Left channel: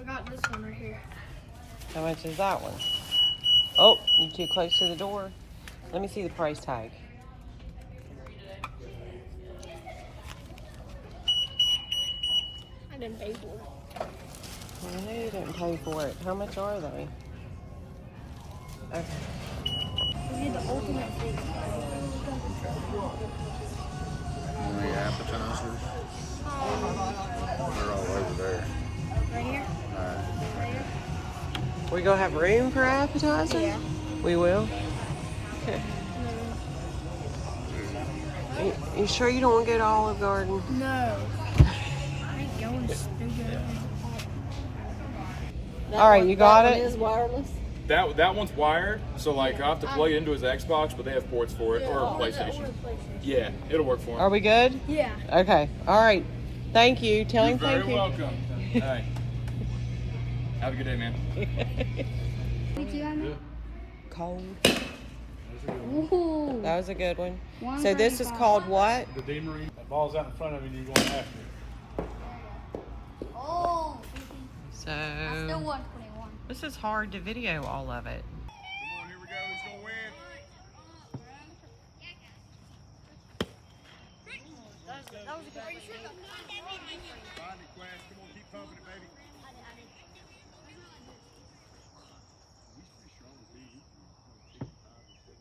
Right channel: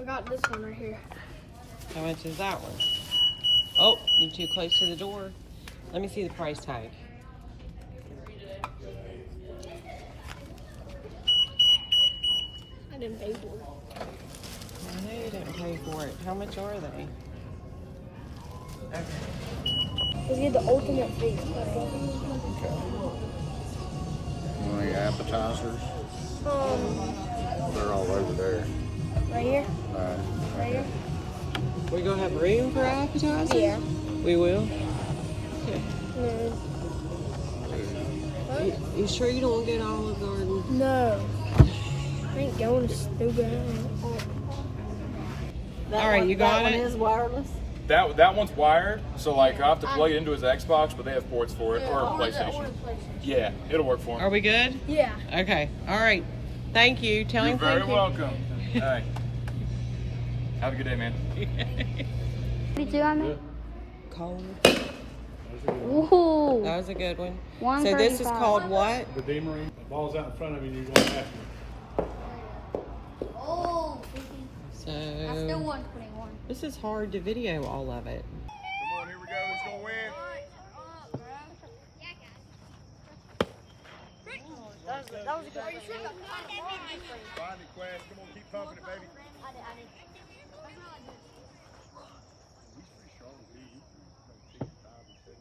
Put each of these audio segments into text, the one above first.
I got this one right here. How much is that one? Oh, you're too close to the door. Let me see the price tag. I didn't pay for it. No, you didn't pay for it. How much are they? We get the ultimate food. Any appetizers? They're all over there. Right here? Alright. Right here? We gonna have room for appetizers? Yeah. We will? Okay. No. You sure you don't want to go to Olive Garden? No. I ain't going to stupid. Alright, you got That it? one is wireless. That one's wired, so like I have to plug it into his Xbox, but they have ports for it, or PlayStation. Yeah, it'll work for him. Are we good? Yeah. Okay. Alright. Thank you. Tell You're him very thank you. welcome. All right. Have a good day, man. Cold. Ooh. That was a good one. So this is called what? The demery. The ball's out in front of you, you're going to have to. Oh, So I still want 21. this is hard to video all of it. Come on, here we go. Who's gonna win? That was a good one. Find it, Quest. Come on, keep pumping it, baby. He's pretty strong, too. He's 65 or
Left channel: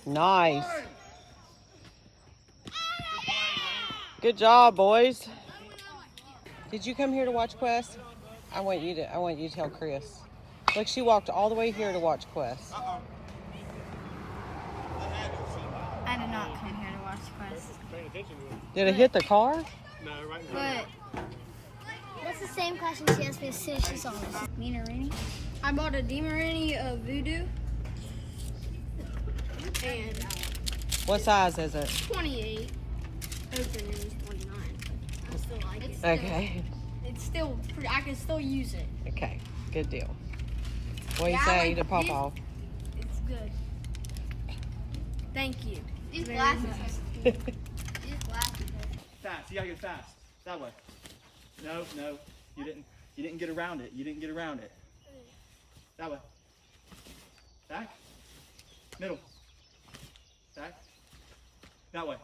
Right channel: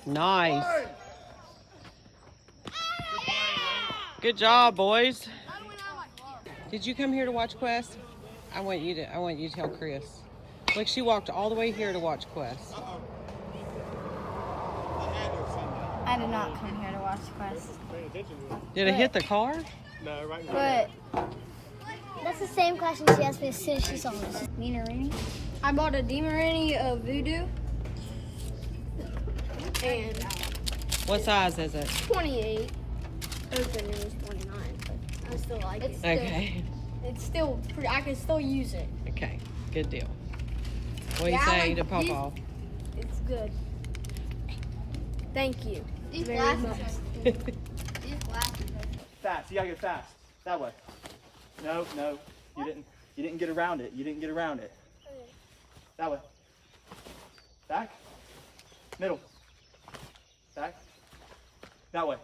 70. Nice. Good job, boys. Did you come here to watch Quest? I want you to tell Chris. Like she walked all the way here to watch Quest. I did not come here to watch Quest. Did it hit the car? No, right in But that's the same question she asked me as soon as she saw this. Nina Rini? I bought a Demerini of Voodoo. And What size is it? 28. Open is 29, but I still like it. Okay. It's still pretty, I can still use it. Okay. Good deal. What do you Yeah, I say like to pop these- off? It's good. Thank you. These very glasses. much. These glasses. Fast. You gotta get fast. That way. No, you didn't. You didn't get around it. You didn't get around it. That way. Back. Middle. Back. That way.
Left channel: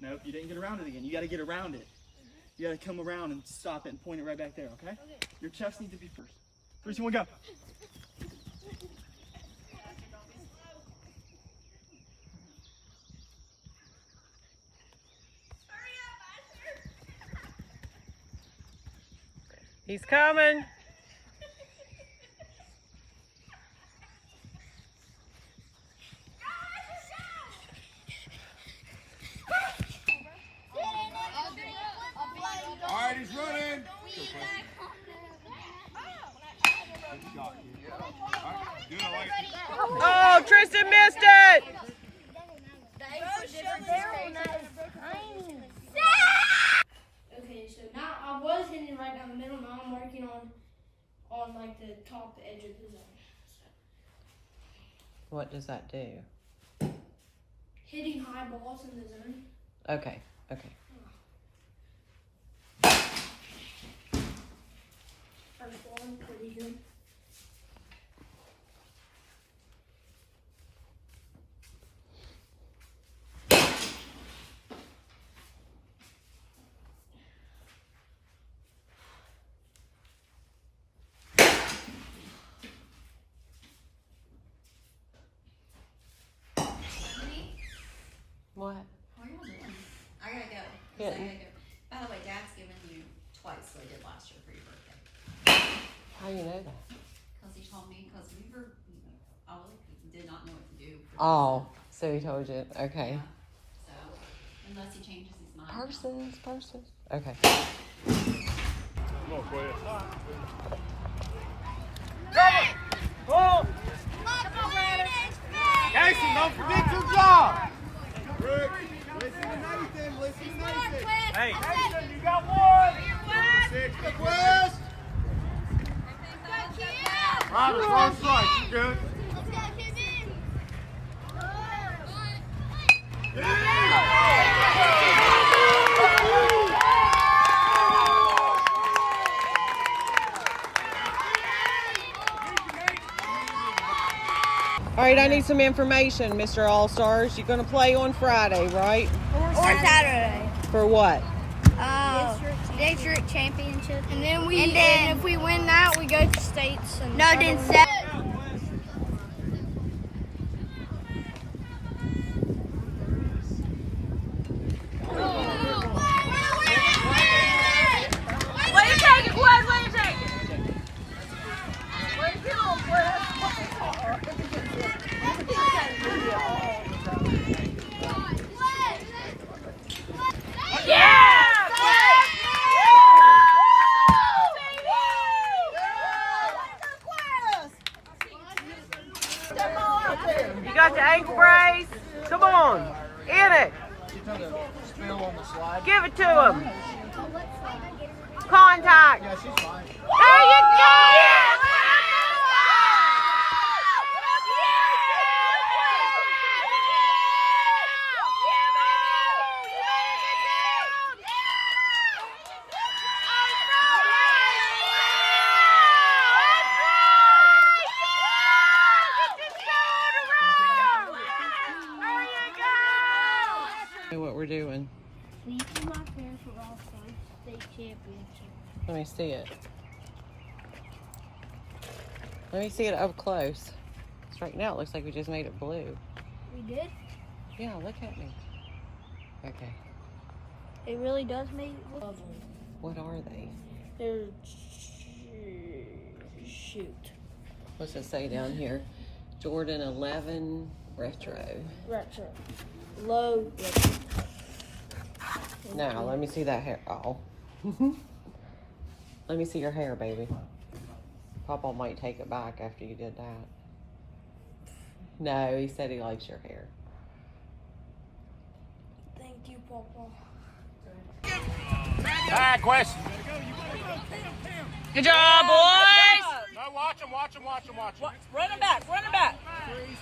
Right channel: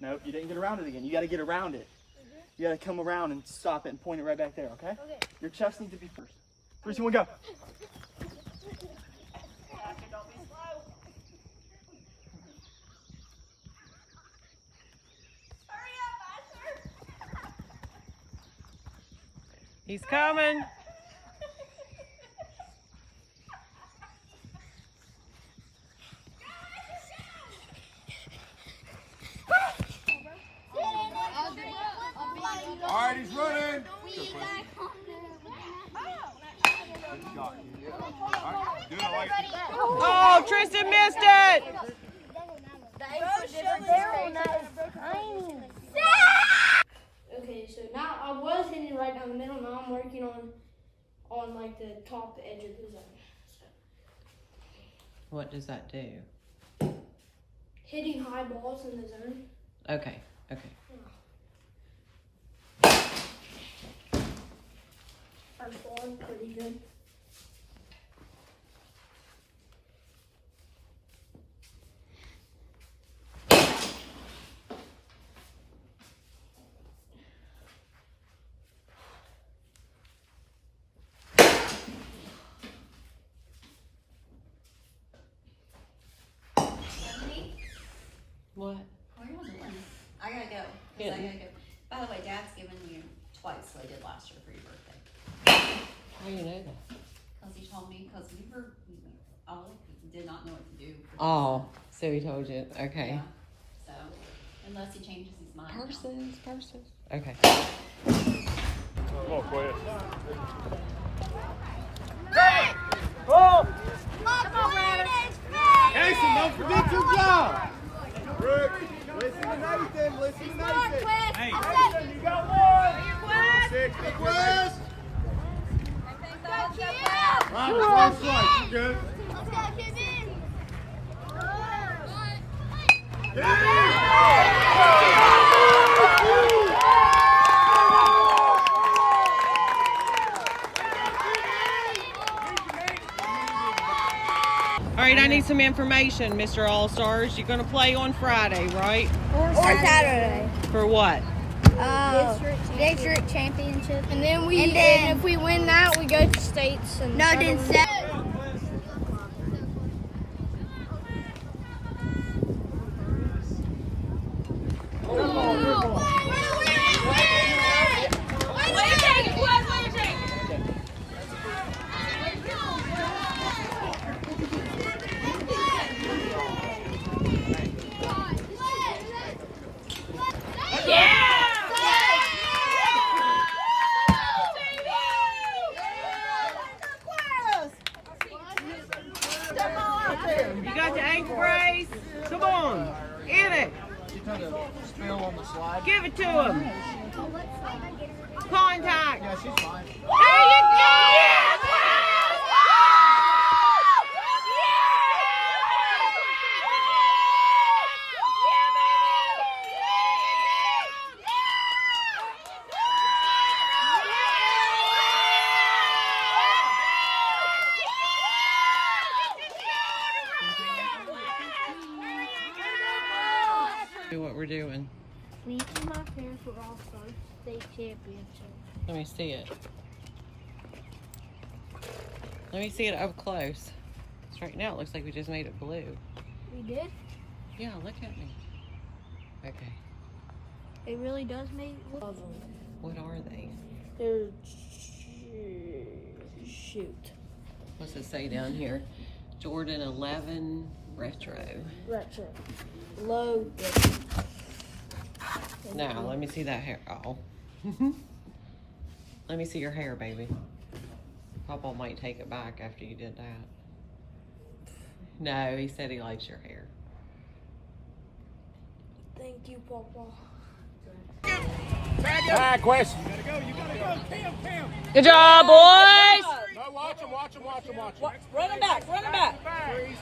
Nope, you didn't get around it again. You gotta get around it. You gotta come around and stop it and point it right back there. Okay? Okay. Your chest needs to be first. 3, 2, 1, go. He's coming. All right, he's running. Good shot. All right, do it like it. Oh, Tristan missed it. Okay, so now I was hitting right down the middle. Now I'm working on like the top edge of the zone. So, What does that do? hitting high balls in the zone. Okay. First one, pretty good. What? I gotta go. 'Cause Yeah. I gotta go. By the way, Dad's given you twice what I did last year for your birthday. How do you know that? Because he told me, because we were, all did not know what to do. For Oh, so he told you. Okay. Yeah. So, unless he changes his mind. now. Purses. Okay. Come on, Quest. Oh! Jason, don't forget your job. Rick, listen to Nathan. Listen to Nathan. Hey, Nathan, you got one. 60, Quest. Right, one strike. You good? Let's go, Kevin! Yeah. me some information, Mr. All-Stars. You're gonna play on Friday, right? Or Saturday. For what? District championship. And then And then- and if we win that, we go to states. And No, then Saturday. You got the ankle brace? Come on, get it. She took a spill on the slide. Give it to him. Contact. Yeah, she's fine. There you go. What we're doing. Me and my parents were all from state championship. Let me see it. Let me see it up close. 'Cause right now it looks like we just made it blue. We did? Yeah, look at me. Okay. It really does make it look. What are they? They're shoot. What's it say down here? Jordan 11 Retro. Retro. Low. Now, let me see that hair. Oh. Let me see your hair, baby. Papa might take it back after you did that. No, he said he likes your hair. Thank you, Papa. Bad question. Good job, boys! No, watch him. Run him back.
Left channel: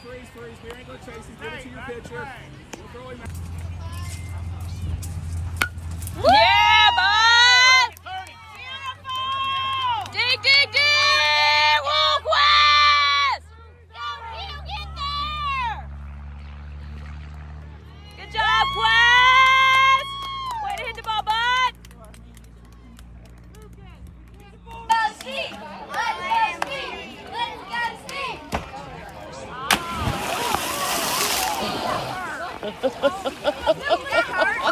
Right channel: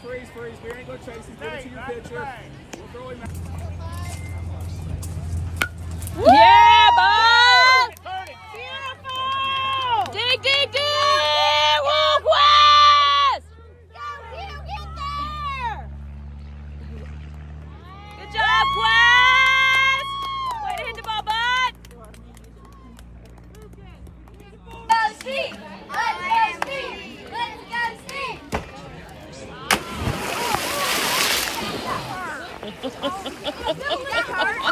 Freeze. We ain't gonna chase him. Give it to your pitcher. We'll throw him out. Yeah, bud! D! Wolf West! Get there! Good job, West! Way to hit the ball, bud! Let's go, Steve! Let's go, Steve! That hurt.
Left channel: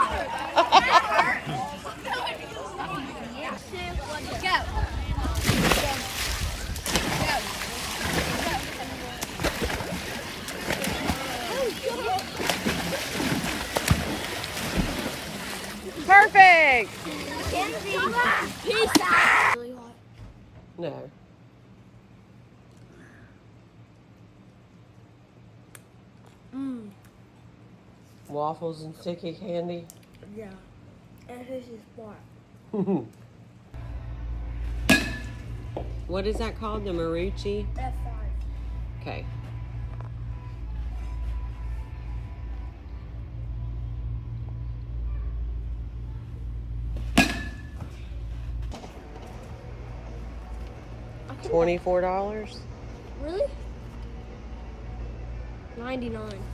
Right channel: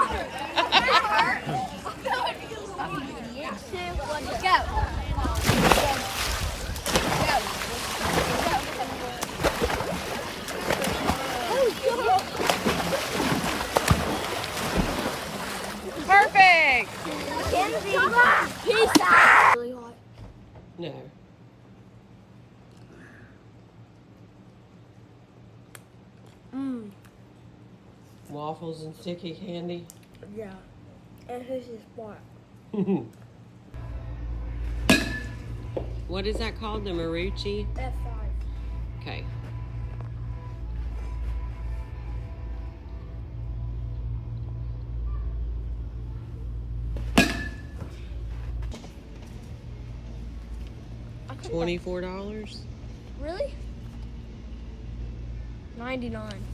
Perfect! Peace out! Really hot. No. Waffles and sticky candy. Yeah. And who's his spot? What is that called? The Marucci? F5. Okay. $24? Really? 99.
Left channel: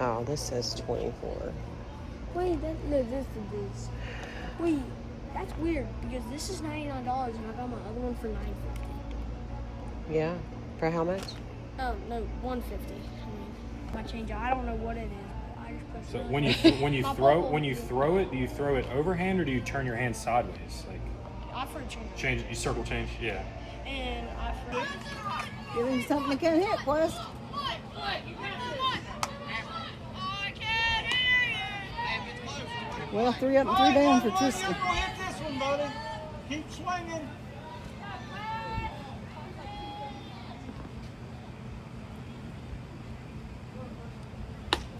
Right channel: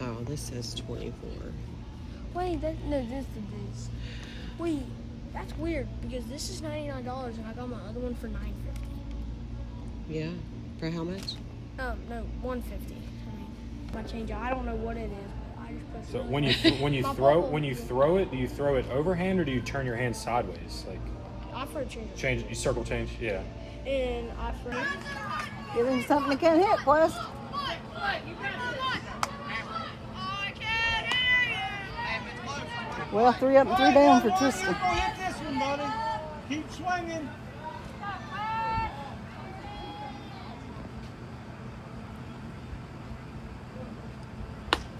Oh, this says 24. Wait, that's the this. Wait, that's weird because this is $99 and I got my other one for $9.50. Yeah. For how much? Oh no, $150. I mean, my change. I don't know what it is. But I just pressed So it. when you My throw bubble. when you throw it, do you throw it overhand or do you turn your hand sideways? Like I for a change. change, you circle change. Yeah. And I for. Give him something to can't hit, Wes. Well, 3 up and 3 down for Tristan. Hit this one, buddy. Keep swinging.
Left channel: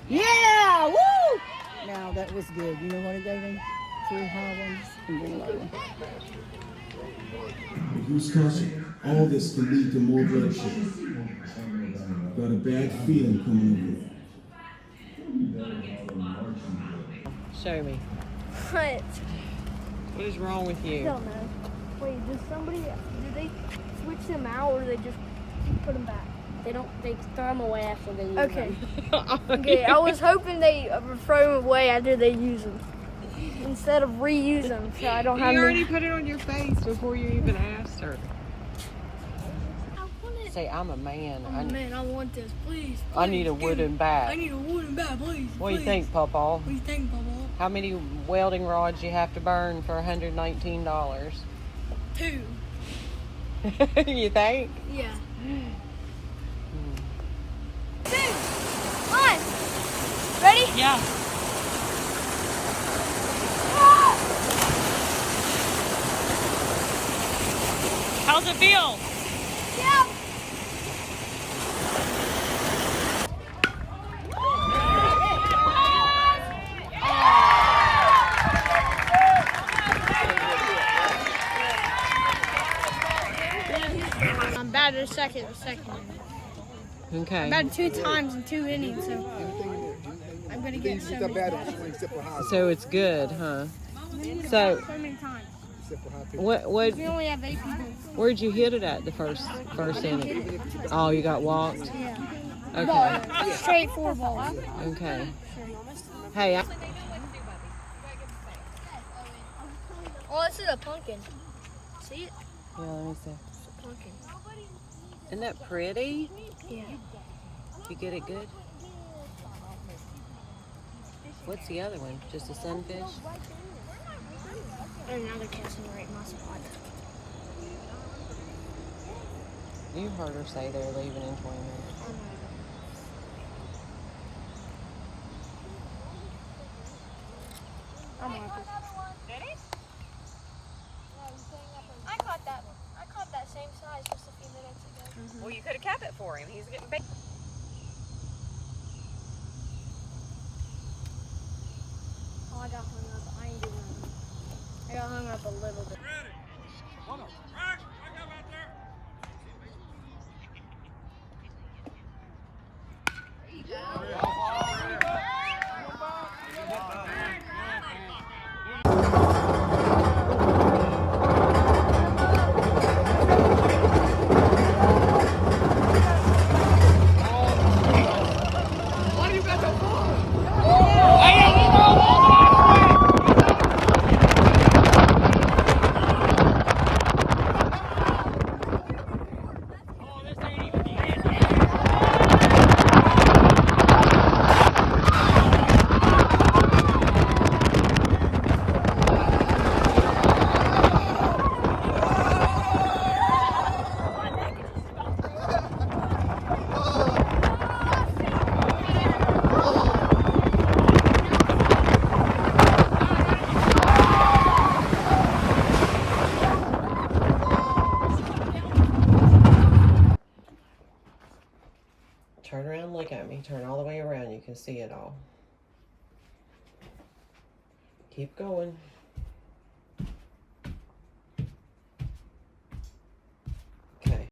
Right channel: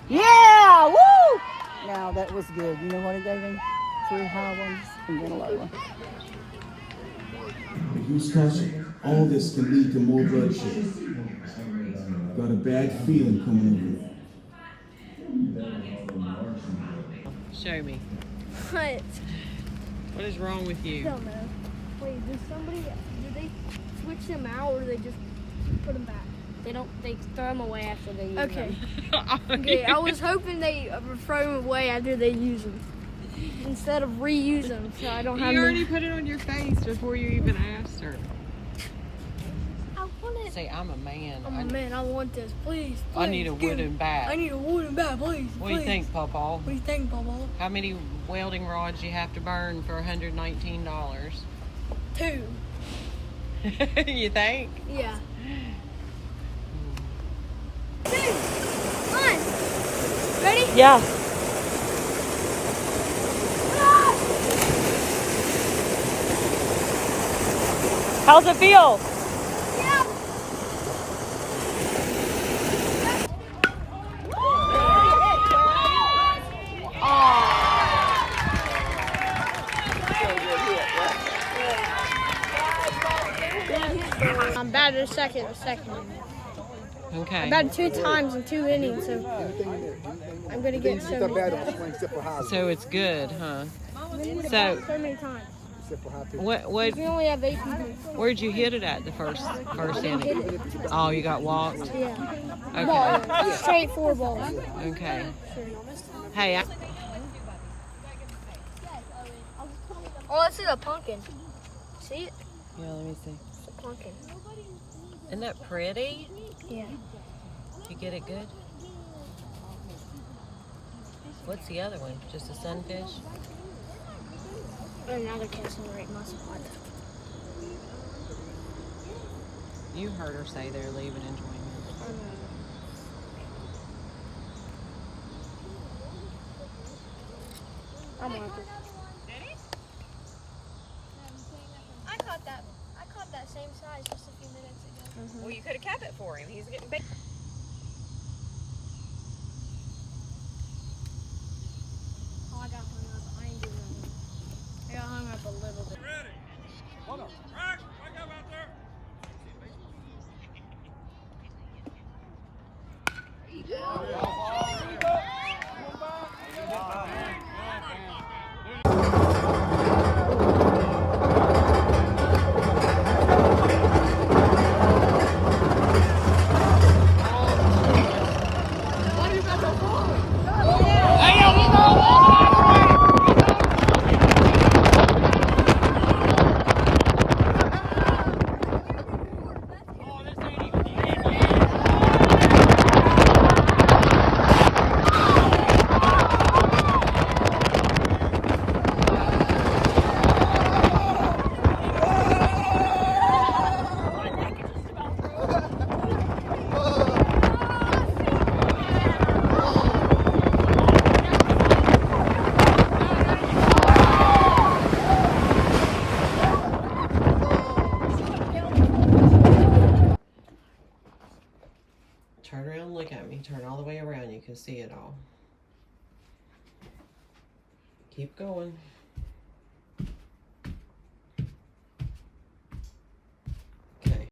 Yeah! Woo! Now that was good. You know what he gave him? 3 high ones and then a low one. Use caution. All this can lead to more bloodshed. Got a bad feeling coming Show me. What? What is wrong with I you? don't know. Wait, did they switch them out or they just put them back? They throw them away after they use Okay. them. Okay, I was hoping they would throw them away after they use them. Instead of reuse them, so I don't have You no... already put it on your face before you even asked her. I want it. Say, I'm a man. Oh man, I want this. Please. I need a give me- wooden bat. I need a wooden bat, please. What do you think, Pawpaw? What do you think, Papa? How many welding rods you have to burn for $119? 2. You think? Yeah. 2, 1. Ready? Yeah. How's it feel? Yeah. I'm batted a second. Okay. I batted 2 times in 2 innings, so I'm gonna get so many bats. So it's good, huh? So So many times. what We only have 8 people. where'd you hit it at the first inning? Oh, you got walked? Yeah. Okay. Ball. Straight 4 balls. Okay. Hey, Oh, this is a pumpkin. See it? yeah, let me see. It's a pumpkin. Isn't that pretty? Yeah. You get it good? What's the other one? Just a sunfish? Another casting right my spot. You heard her say they're leaving in 20 minutes. I'm happy. I caught that same size just a few minutes ago. Well, you could have kept it for him. He's getting big. Oh, I got hung up. I ain't doing nothing. I got hung up a little bit. Turn around and look at me. Turn all the way around. You can see it all. Keep going.